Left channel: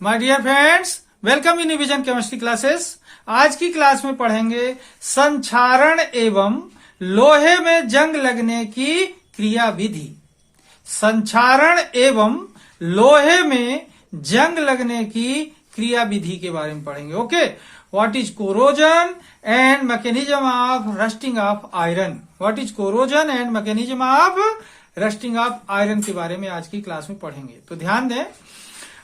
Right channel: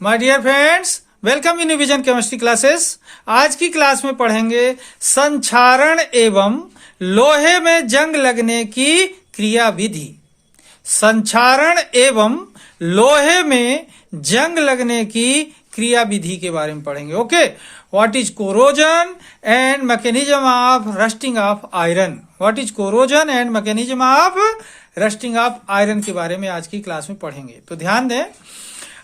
My dear friends, welcome in Vision Chemistry Classes. आज की class में पढ़ेंगे संक्षारण एवं लोहे में जंग लगने की क्रिया विधि। संक्षारण एवं लोहे में जंग लगने की क्रिया विधि के बारे में पढ़ेंगे। Okay, what is corrosion and mechanism of rusting of iron. What is corrosion and mechanism of rusting of iron के बारे में आज की क्लास में पढ़ेंगे। तो ध्यान दें,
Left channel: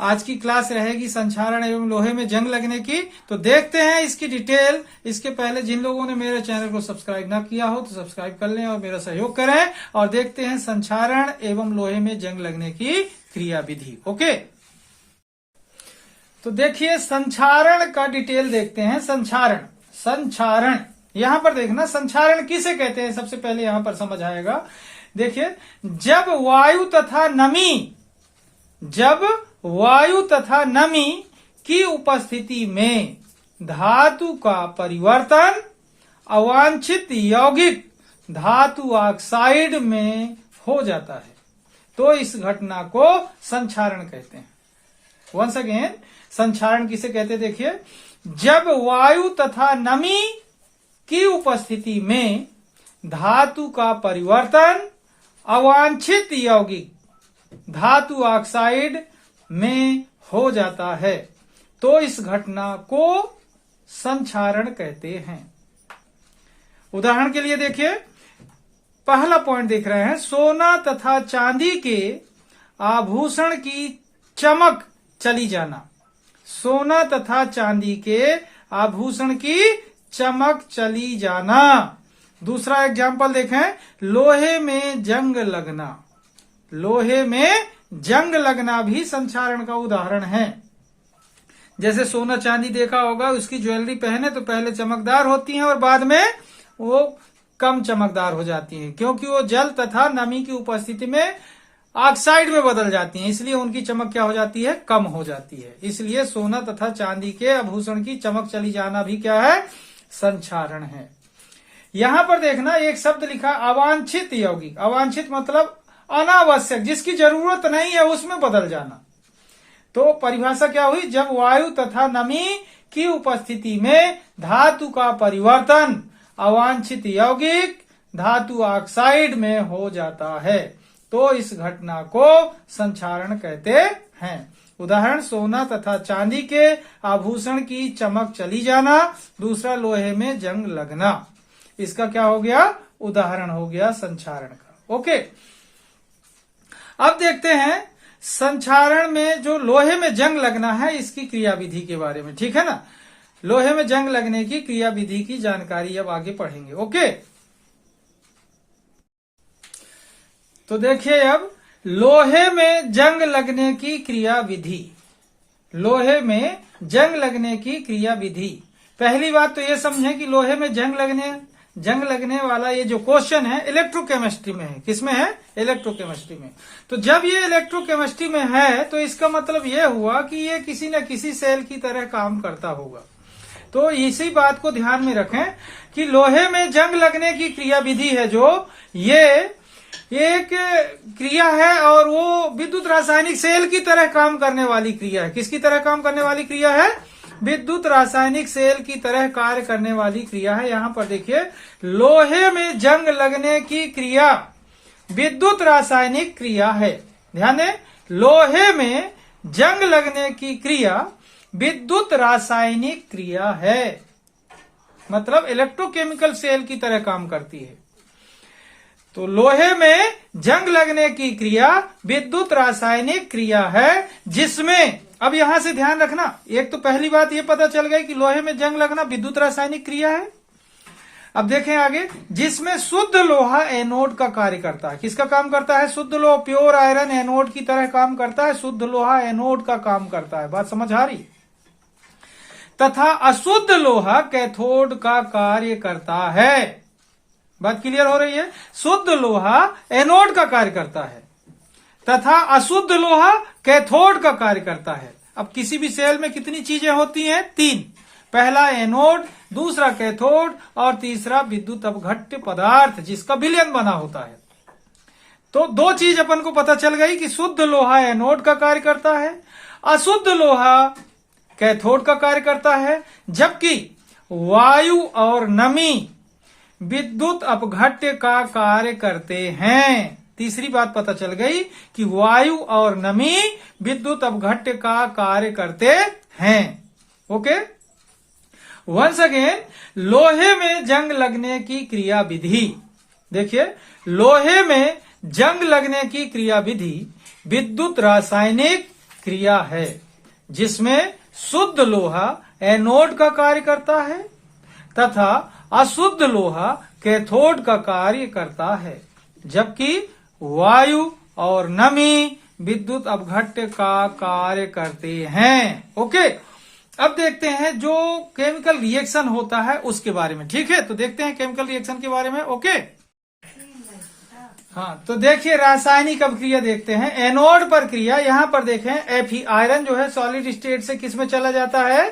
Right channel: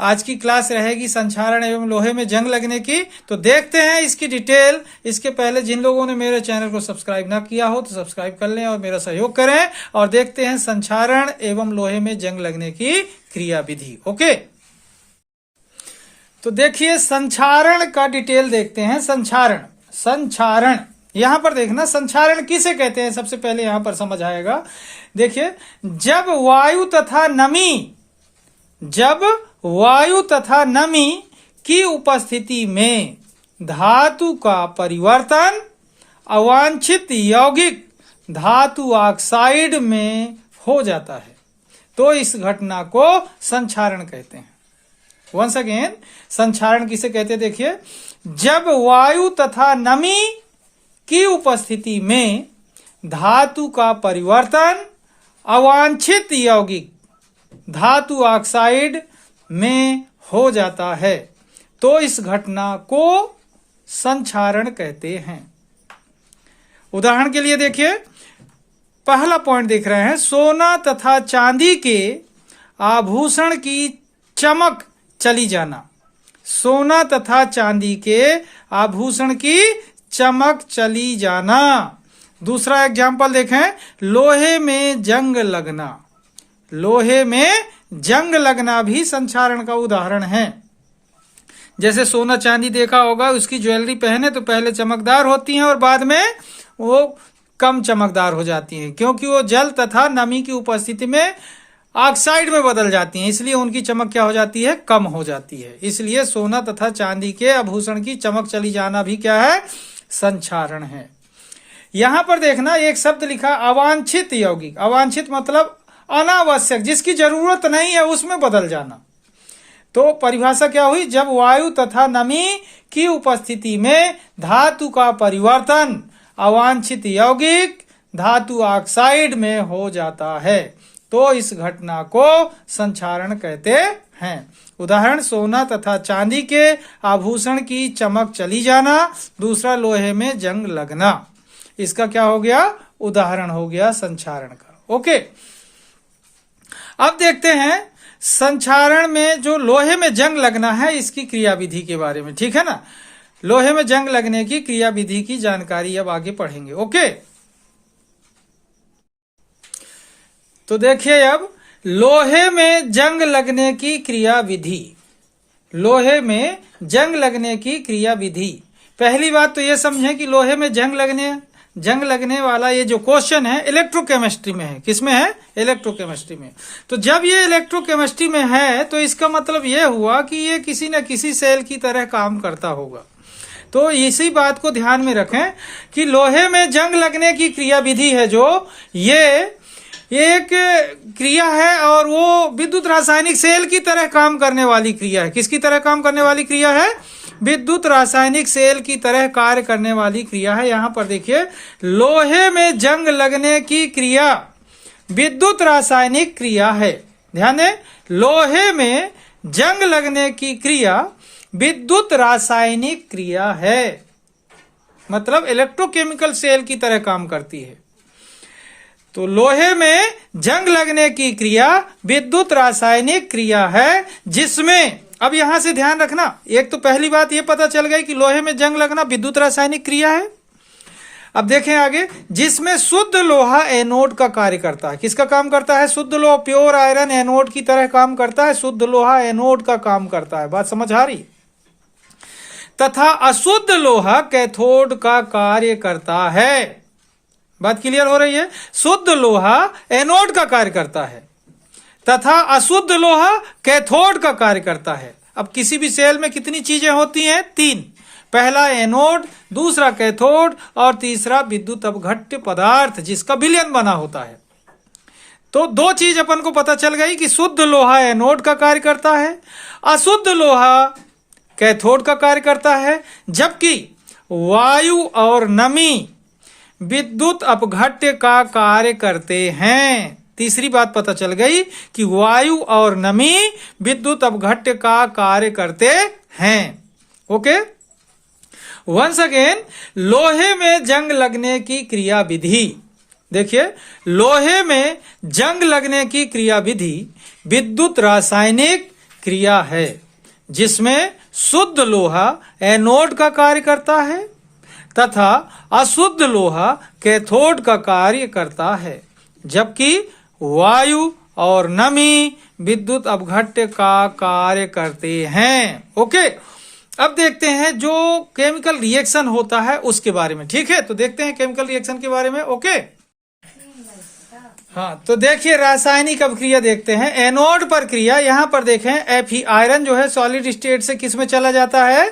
आज की क्लास रहेगी संक्षारण एवं लोहे में जंग लगने की। तो देखते हैं इसकी डिटेल। इसके पहले जिन लोगों ने मेरे चैनल को सब्सक्राइब ना किया हो तो सब्सक्राइब कर लें और मेरा सहयोग करें, और देखते हैं संक्षारण एवं लोहे में जंग लगने की क्रिया विधि। ओके, तो देखिए संक्षारण का डिटेल देखते हैं। संक्षारण यहां पर देखना, संक्षारण किसे कहते हैं सबसे पहले यहां पर समझ आएगा। देखिए, जब वायु तथा नमी की उपस्थिति में धातु का परिवर्तन अवांछित यौगिक धातु ऑक्साइड में हो जाता है तो इस घटना को संक्षारण कहते हैं। वंस अगेन, संक्षारण किसे कहते हैं? देखिए, जब वायु तथा नमी की उपस्थिति में धातु का परिवर्तन अवांछित यौगिक धातु ऑक्साइड में हो जाता है तो इस घटना को संक्षारण कहते हैं। उदाहरण के लिए देखिए, पहला पॉइंट देख रहे हैं, सोना तथा चांदी के आभूषण की चमक चली जाना। सोना तथा चांदी के आभूषण की चमक चली जाना। दूसरा एग्जाम्पल देखें, लोहे में जंग लगना। लोहे में जंग लगना भी संक्षारण का उदाहरण है। जैसे सोना चांदी देखा होगा, उसकी ज्वेलरी पहने तो पहले चमकदार होती हैं और बाद में वो कम चमकदार हो जाती हैं, क्योंकि वो जल तथा नमी की उपस्थिति में ऑक्साइड में बदल जाती हैं, इसलिए उनकी चमक क्या हो जाती है? कम हो जाती है। इसलिए सोना तथा चांदी के आभूषण की चमक चली जाना भी क्या है? संक्षारण है। यहां पर देखना, एक शब्द लिखा अवांछित यौगिक। अवांछित मतलब अनावश्यक, जिसकी जरूरत नहीं है उसमें बदल जाना। तो परिभाषा क्या हुई? जब वायु तथा नमी की उपस्थिति में धातु का परिवर्तन अवांछित यौगिक धातु ऑक्साइड में हो जाता है तो इस घटना को संक्षारण कहते हैं। उदाहरण, सोना तथा चांदी के आभूषण की चमक चली जाना। दूसरा, लोहे में जंग लगना। इसका क्या हो गया? उदाहरण हो गया संक्षारण का। ओके, अब देखते हैं संक्षारण में जो लोहे में जंग लगना है इसकी क्रिया विधि के बारे में। ठीक है ना, लोहे में जंग लगने की क्रिया विधि की जानकारी अब आगे पढ़ेंगे। ओके, तो देखिए अब लोहे में जंग लगने की क्रिया विधि। लोहे में जंग लगने की क्रिया विधि। पहली बात तो ये समझें कि लोहे में जंग लगने वाला ये जो क्वेश्चन है इलेक्ट्रोकेमिस्ट्री में है। किसमें है? इलेक्ट्रोकेमिस्ट्री में। तो जब ये इलेक्ट्रोकेमिस्ट्री में है तो इसका मतलब ये हुआ कि ये किसी न किसी सेल की तरह काम करता होगा। तो इसी बात को ध्यान में रखें कि लोहे में जंग लगने की क्रिया विधि है जो ये एक क्रिया है और वो विद्युत रासायनिक सेल की तरह काम करने वाली क्रिया है। किसकी तरह काम करने वाली क्रिया है? विद्युत रासायनिक सेल की तरह कार्य करने वाली क्रिया है। यहां पर देखिए, लोहे में जंग लगने की क्रिया विद्युत रासायनिक क्रिया है। ध्यान दें, लोहे में जंग लगने की क्रिया विद्युत रासायनिक क्रिया है, मतलब इलेक्ट्रोकेमिकल सेल की तरह काम करती है। तो लोहे में जंग लगने की क्रिया विद्युत रासायनिक क्रिया है जिसमें, अब यहां से ध्यान रखना, एक तो पहली बात ये पता चल गई कि लोहे में जंग लगना विद्युत रासायनिक क्रिया है। अब देखें आगे, जिसमें शुद्ध लोहा एनोड का कार्य करता है। किसका काम करता है? शुद्ध लोहा, प्योर आयरन एनोड की तरह काम करता है। शुद्ध लोहा एनोड का काम करता है। बात समझ आ रही? तथा अशुद्ध लोहा कैथोड का कार्य करता है। बात क्लियर हो रही है? शुद्ध लोहा एनोड का कार्य करता है तथा अशुद्ध लोहा कैथोड का कार्य करता है। अब किसी भी सेल में कितनी चीजें होती हैं? 3। पहला एनोड, दूसरा कैथोड और तीसरा विद्युत अपघट्य पदार्थ जिसका विलयन बना होता है। तो दो चीज अपन को पता चल गई कि शुद्ध लोहा एनोड का कार्य करता है, अशुद्ध लोहा कैथोड का कार्य करता है, जबकि वायु और नमी विद्युत अपघट्य का कार्य करते हैं। तीसरी बात पता चल गई कि वायु और नमी विद्युत अपघट्य का कार्य करते हैं। ओके, वंस अगेन, लोहे में जंग लगने की क्रिया विधि। देखिए, लोहे में जंग लगने की क्रिया विधि विद्युत रासायनिक क्रिया है, जिसमें शुद्ध लोहा एनोड का कार्य करता है तथा अशुद्ध लोहा कैथोड का कार्य करता है, जबकि वायु और नमी विद्युत अपघट्य का कार्य करते हैं। ओके, अब देखते हैं जो केमिकल रिएक्शन होता है उसके बारे में। ठीक है, तो देखते हैं केमिकल रिएक्शन के बारे में। ओके, हाँ, तो देखिए रासायनिक अभिक्रिया देखते हैं। एनोड पर क्रिया, यहां पर देखें Fe आयरन जो है सॉलिड स्टेट से किस में चला जाता है,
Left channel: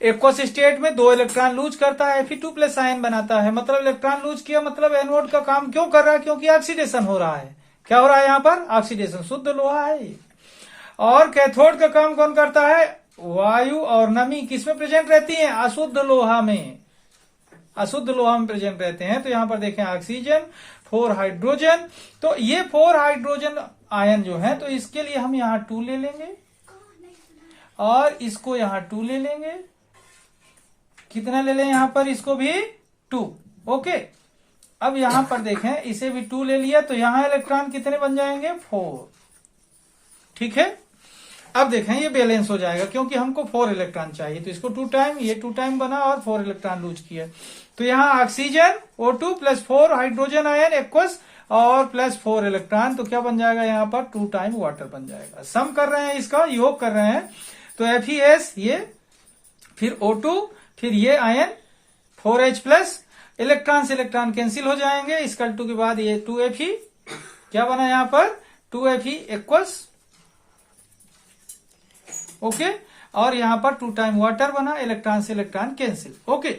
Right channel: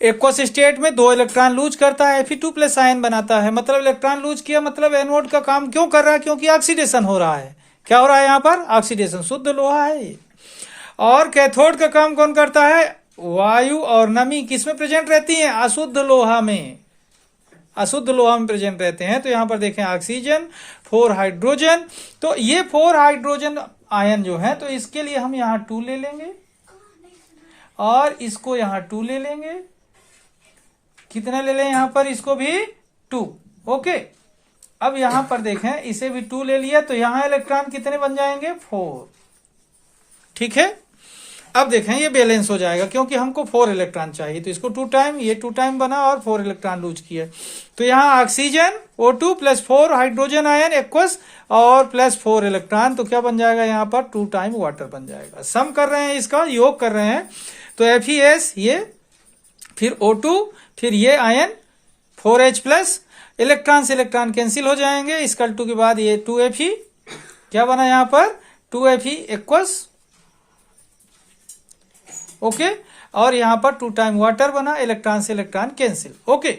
एक्वस स्टेट में 2 इलेक्ट्रॉन लूज करता है, Fe2+ आयन बनाता है। मतलब इलेक्ट्रॉन लूज किया, मतलब एनोड का काम क्यों कर रहा है, क्योंकि ऑक्सीडेशन हो रहा है। क्या हो रहा है यहाँ पर, ऑक्सीडेशन, शुद्ध लोहा है ये। और कैथोड का काम कौन करता है, वायु और नमी किस में प्रेजेंट रहती है, अशुद्ध लोहा में, अशुद्ध लोहा में प्रेजेंट रहते हैं। तो यहां पर देखें ऑक्सीजन, 4 हाइड्रोजन, तो ये 4 हाइड्रोजन आयन जो है, तो इसके लिए हम यहां 2 ले लेंगे और इसको यहां 2 ले लेंगे। कितना ले लें यहां पर, इसको भी 2। ओके, अब यहां पर देखें इसे भी 2 ले लिया, तो यहां इलेक्ट्रॉन कितने बन जाएंगे, 4। ठीक है, अब देखें ये बैलेंस हो जाएगा क्योंकि हमको 4 इलेक्ट्रॉन चाहिए, तो इसको 2 टाइम, ये 2 टाइम बना और 4 इलेक्ट्रॉन लूज किया। तो यहाँ oxygen O2 plus 4 hydrogen ion aqueous और प्लस 4 इलेक्ट्रॉन, तो क्या बन जाएगा यहाँ पर 2 टाइम वाटर बन जाएगा। सम कर रहे हैं, इसका योग कर रहे हैं, तो FeS ये, फिर O2, फिर ये आयन 4H प्लस, इलेक्ट्रॉन से इलेक्ट्रॉन कैंसिल हो जाएंगे, इसका 2 के बाद ये 2Fe, क्या बना यहाँ पर 2Fe एक्वस। ओके, और यहां पर 2 टाइम वाटर बना, इलेक्ट्रॉन से इलेक्ट्रॉन कैंसिल। ओके,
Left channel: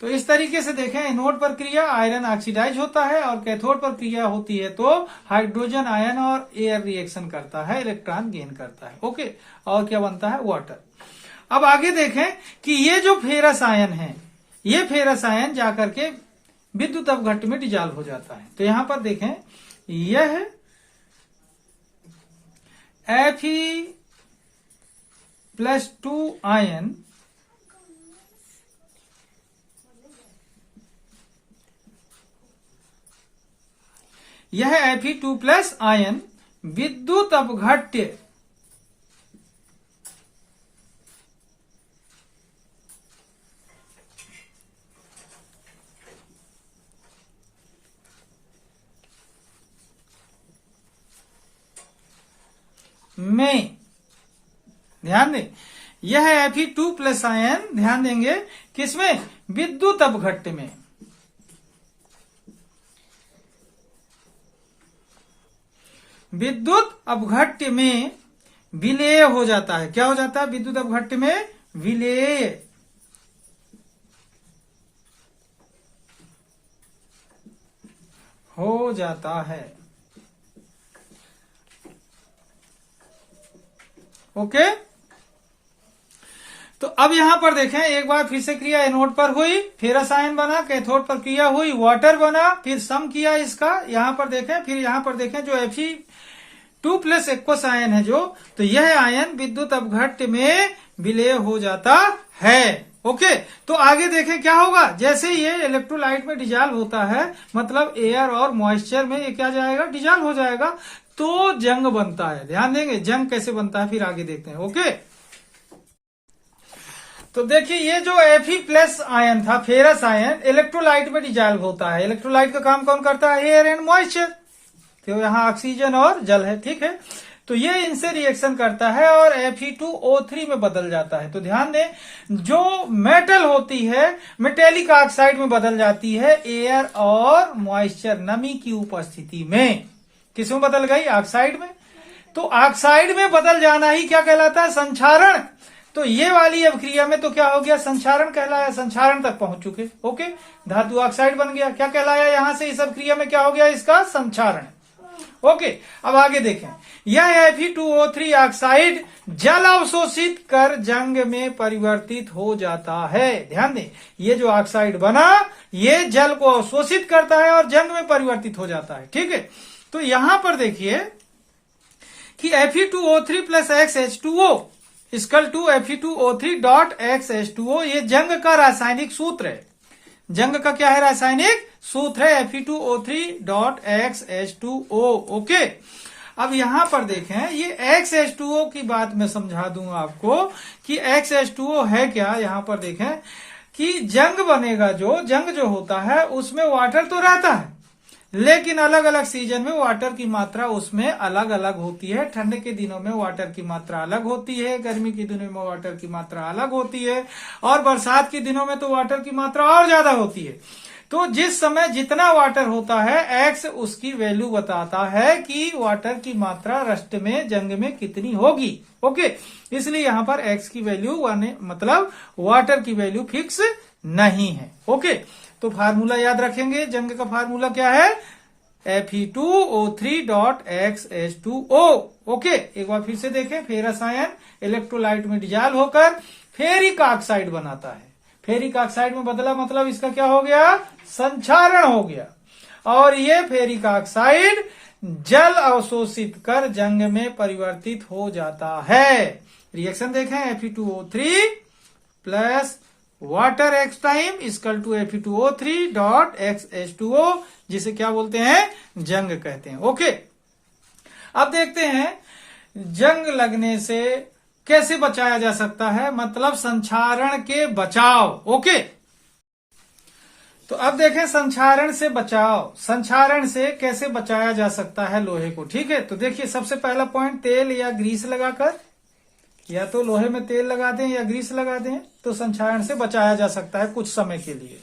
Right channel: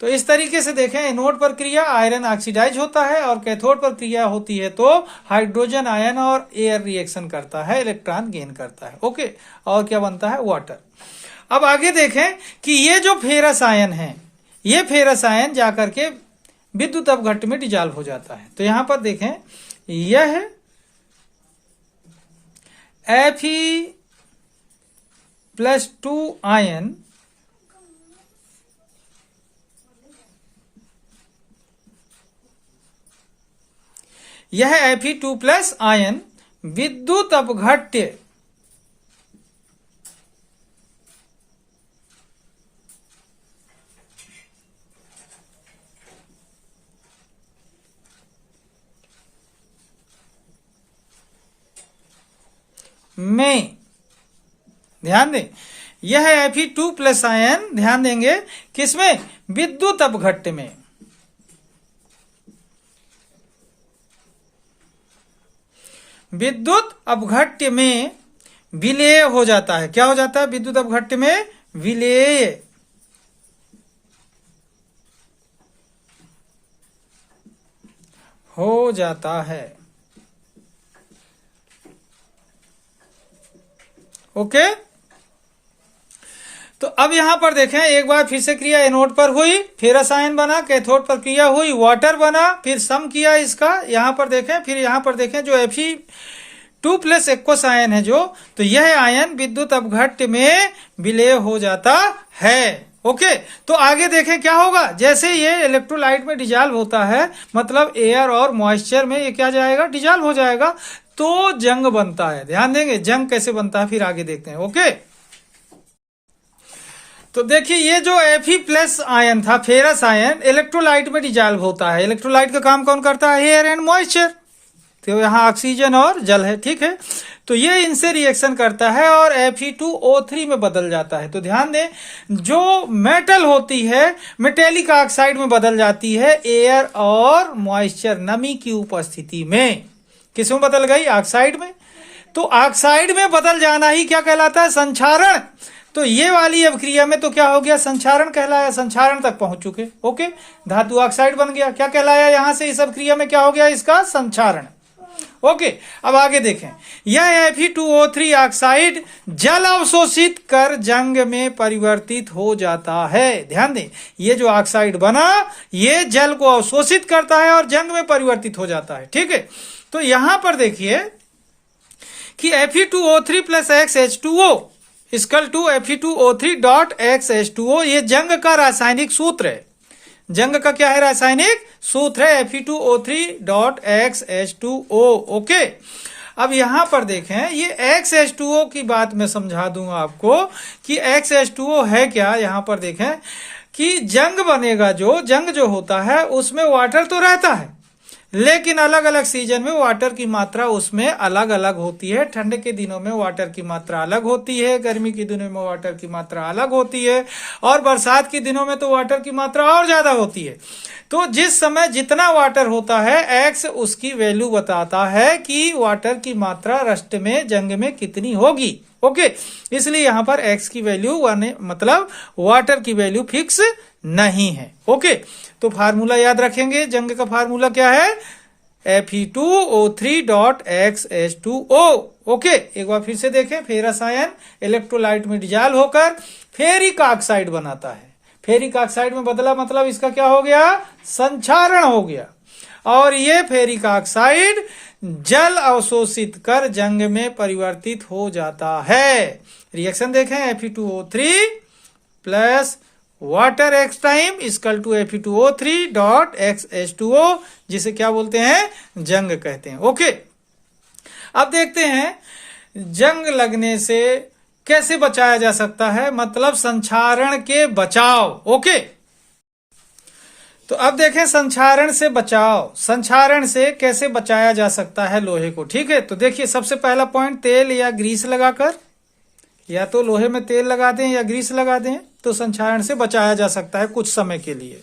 तो इस तरीके से देखें एनोड पर क्रिया आयरन ऑक्सीडाइज होता है और कैथोड पर क्रिया होती है तो हाइड्रोजन आयन और एयर रिएक्शन करता है, इलेक्ट्रॉन गेन करता है। ओके, और क्या बनता है, वाटर। अब आगे देखें कि ये जो फेरस आयन है, ये फेरस आयन जाकर के विद्युत अपघट्य में डिजॉल्व हो जाता है। तो यहां पर देखें यह Fe+2 आयन यह Fe2+ आयन विद्युत अपघट्य में, ध्यान दें, यह Fe2+ आयन, ध्यान देंगे किसमें, विद्युत अपघट्य में। विद्युत अपघट्य में विलेय हो जाता है। क्या हो जाता है, विद्युत अपघट्य में विलेय हो जाता है। ओके, तो अब यहां पर देखें एक बार फिर से क्रिया एनोड पर हुई, फेरस आयन बना, कैथोड पर क्रिया हुई, वाटर बना, फिर सम किया इसका, यहां पर देखें, फिर यहां पर देखें जो Fe2+ एक्वस आयन है जो, तो यह आयन विद्युत अपघट्य में विलेय हो जाता है। ओके, तो आगे देखें क्या होगा, जैसे ये इलेक्ट्रोलाइट में डिजॉल्व होता है, मतलब एयर और मॉइस्चर में ये क्या जाएगा, डिजॉल्व हो जाएगा, तो जंग बनता है। ध्यान देंगे जंग कैसे बनता है, फिर आगे देखते हैं। ओके, तो देखिए ये जो Fe+ आयन था, फेरस आयन, इलेक्ट्रोलाइट में डिजॉल्व होता है। इलेक्ट्रोलाइट का काम कौन करता है, एयर एंड मॉइस्चर, तो यहाँ ऑक्सीजन और जल है। ठीक है, तो ये इनसे रिएक्शन करता है और Fe2O3 में बदल जाता है। तो ध्यान दें, जो मेटल होती है मेटेलिक ऑक्साइड में बदल जाती है एयर और मॉइस्चर, नमी की उपस्थिति में। किसमें बदल गई, ऑक्साइड में। तो ऑक्साइड में बदल जाना ही क्या कहलाता है, संक्षारण। तो ये वाली अभिक्रिया में तो क्या हो गया, संक्षारण कहलाया, संक्षारण तक पहुंच चुके। ओके, धातु ऑक्साइड बन गया। क्या कहलाया यहां से, इस अभिक्रिया में क्या हो गया, इसका संक्षारण। ओके, अब आगे देखें, यह Fe2O3 ऑक्साइड जल अवशोषित कर जंग में परिवर्तित हो जाता है। ध्यान दें, ये जो ऑक्साइड बना ये जल को अवशोषित करता है और जंग में परिवर्तित हो जाता है। ठीक है, तो यहां पर देखिए कि Fe2O3 plus XH2O equal to Fe2O3 dot XH2O, ये जंग का रासायनिक सूत्र है। जंग का क्या है, रासायनिक सूत्र है Fe2O3 डॉट XH2O। ओके, अब यहां पर देखें, ये XH2O की बात मैं समझा दूंगा आपको कि XH2O है क्या। यहां पर देखें कि जंग बनेगा, जो जंग जो होता है उसमें वाटर तो रहता है, लेकिन अलग अलग सीजन में वाटर की मात्रा उसमें अलग अलग होती है। ठंड के दिनों में वाटर की मात्रा अलग होती है, गर्मी के दिनों में वाटर की मात्रा अलग होती है, और बरसात के दिनों में तो वाटर की मात्रा और ज्यादा होती है। तो जिस समय जितना वाटर होता है, एक्स उसकी वैल्यू बताता है कि वाटर की मात्रा रस्ट में, जंग में कितनी होगी। ओके, इसलिए यहां पर एक्स की वैल्यू मतलब वाटर की वैल्यू फिक्स नहीं है। ओके, तो फार्मूला याद रखेंगे, जंग का फार्मूला क्या है, Fe2O3 डॉट XH2O। ओके, एक बार फिर से देखें, फेरस आयन इलेक्ट्रोलाइट में डिजॉल्व होकर फेरिक ऑक्साइड बनाता है। फेरिक ऑक्साइड में बदला मतलब इसका क्या हो गया, संक्षारण हो गया, और ये फेरिक ऑक्साइड जल अवशोषित कर जंग में परिवर्तित हो जाता है। रिएक्शन देखें, Fe2O3 plus water x time equal to Fe2O3 dot XH2O, जिसे क्या बोलते हैं, जंग कहते हैं। ओके, अब देखते हैं जंग लगने से कैसे बचाया जा सकता है, मतलब संक्षारण के बचाव। ओके, तो अब देखें संक्षारण से बचाव, संक्षारण से कैसे बचाया जा सकता है लोहे को। ठीक है, तो देखिए सबसे पहला पॉइंट, तेल या ग्रीस लगाकर, या तो लोहे में तेल लगा दें या ग्रीस लगा दें तो संक्षारण से बचाया जा सकता है कुछ समय के लिए।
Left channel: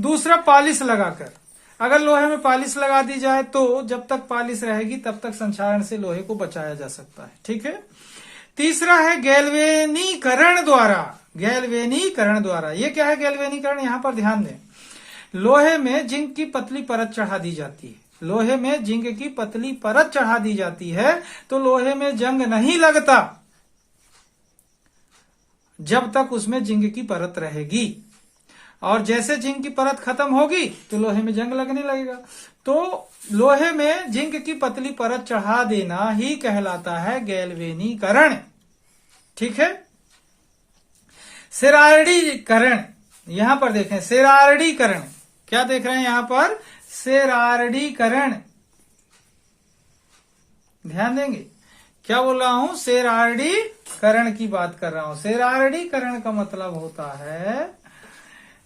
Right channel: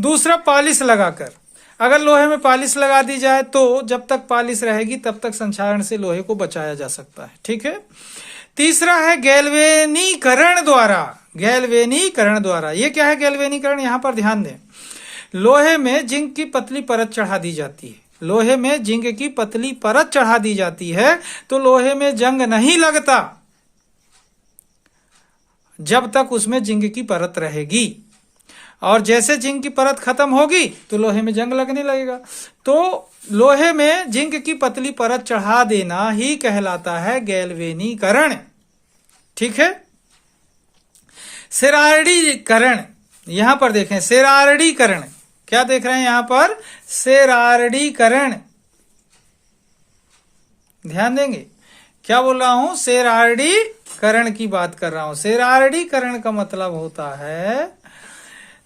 दूसरा, पॉलिश लगाकर, अगर लोहे में पॉलिश लगा दी जाए तो जब तक पॉलिश रहेगी तब तक संक्षारण से लोहे को बचाया जा सकता है। ठीक है, तीसरा है गैल्वेनीकरण द्वारा। गैल्वेनीकरण द्वारा, ये क्या है गैल्वेनीकरण, यहां पर ध्यान दें, लोहे में जिंक की पतली परत चढ़ा दी जाती है। लोहे में जिंक की पतली परत चढ़ा दी जाती है तो लोहे में जंग नहीं लगता जब तक उसमें जिंक की परत रहेगी, और जैसे जिंक की परत खत्म होगी तो लोहे में जंग लगने लगेगा। तो लोहे में जिंक की पतली परत चढ़ा देना ही कहलाता है गैल्वेनीकरण। ठीक है, सेरार्डीकरण, यहां पर देखें सेरार्डीकरण, क्या देख रहे हैं यहां पर, सेरार्डीकरण, ध्यान देंगे क्या बोल रहा हूं, सेरार्डीकरण की बात कर रहा हूं। सेरार्डीकरण का मतलब होता है,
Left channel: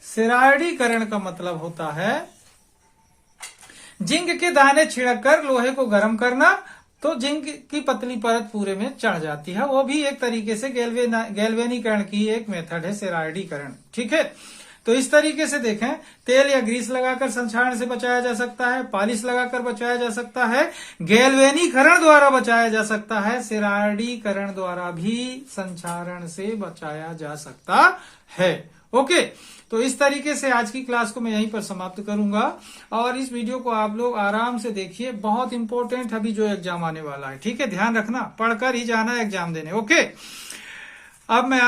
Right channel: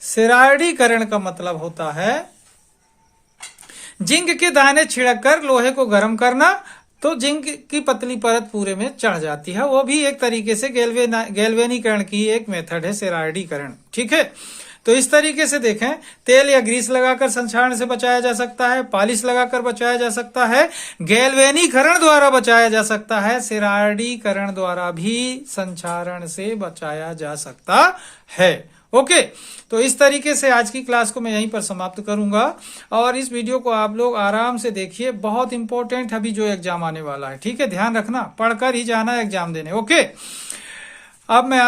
सेरार्डीकरण का मतलब होता है जिंक के दाने छिड़ककर लोहे को गर्म करना, तो जिंक की पतली परत पूरे में चढ़ जाती है। वो भी एक तरीके से गैल्वेनीकरण की एक मेथड है, सेरार्डीकरण। ठीक है, तो इस तरीके से देखें, तेल या ग्रीस लगाकर संक्षारण से बचाया जा सकता है, पॉलिश लगाकर बचाया जा सकता है, गैल्वेनीकरण द्वारा बचाया जा सकता है, सेरार्डीकरण द्वारा भी संक्षारण से बचाया जा सकता है। ओके, तो इस तरीके से आज की क्लास को मैं यहीं पर समाप्त करूंगा, और इस वीडियो को आप लोग आराम से देखिए, बहुत इंपॉर्टेंट अभी जो एग्जाम आने वाला है। ठीक है, ध्यान रखना, पढ़कर ही जाना है एग्जाम देने। ओके, अब मैं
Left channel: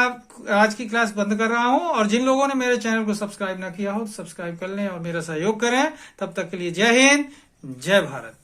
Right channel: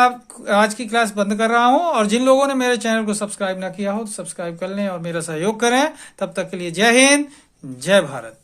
आज की क्लास बंद कर रहा हूं, और जिन लोगों ने मेरे चैनल को सब्सक्राइब ना किया हो तो सब्सक्राइब कर लें और मेरा सहयोग करें। तब तक के लिए जय हिंद, जय भारत।